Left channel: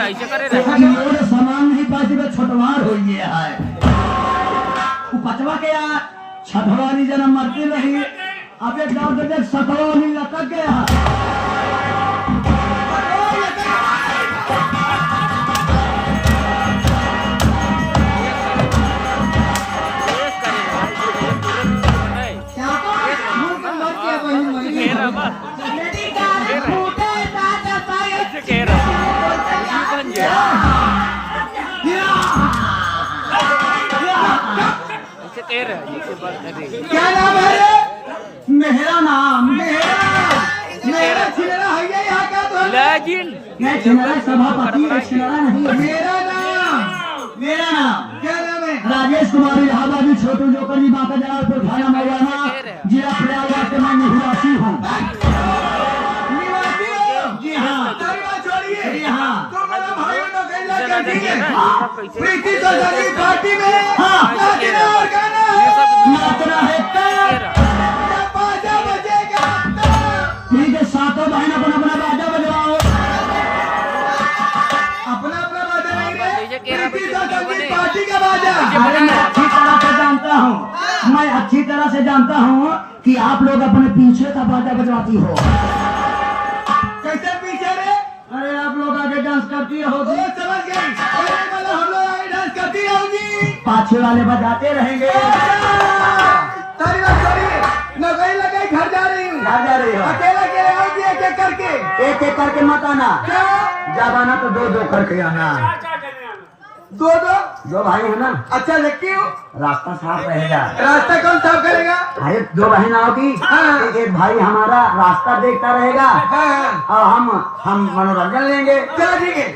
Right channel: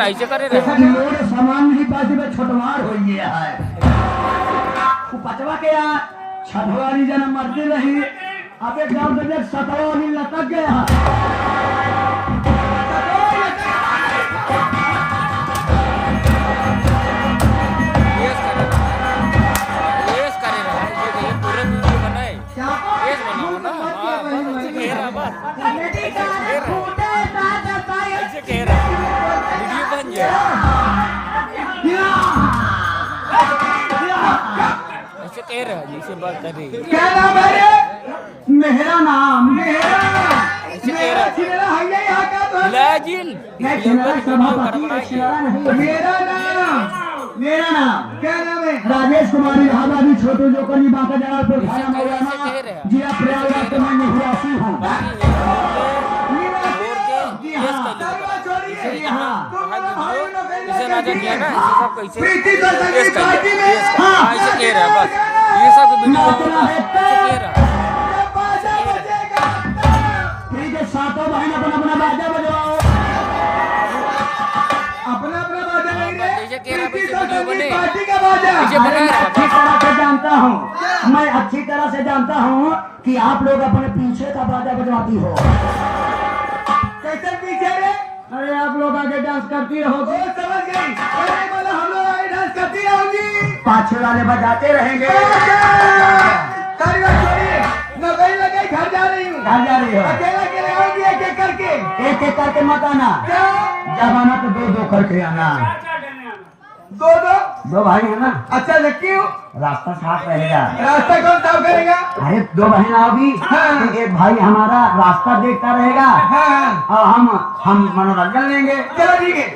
ऐसे करे रे मोर सामान भी पास में छटवार हो गया है तू पचवा के आ छठवारी जन्म मरते रही अबे दर्द सतवारी लटक गया क्या नाम है मेरा नाम मेरा नाम क्या नाम है राजेश कुमार इलाहाबादी छोटू जोकनी बांका जगह पे खाया मौलाना जिला प्रयागराज के मैं निवासी हूँ जी हाँ ठीक है सातों बहन अपना अपना बाजा बजाओ अपना अपना बाजा अच्छी तरह से जानता हूँ मैं अच्छी तरह से जानता हूँ कि आप लोग अपने पीछे का बाजा बजवाती हो कैसे पीछे रे अरे आप लोग आगे डांस करती रहोगी हम लोग आगे डांस करती रहोगी पाछे वाले बजाते रहेंगे घर जा रही हो एक एक करके मत आना ज्यादा ना तो दो दो करके आना दो भाई हो ना अच्छा क्यों रास्ता साफ रहेगा रास्ता कौन साफ करेगा अरे दो बहन आओगी तो एक भाई हमारा रास्ता देखता रहेगा हम मनोरंजन लेंगे चलो ठीक है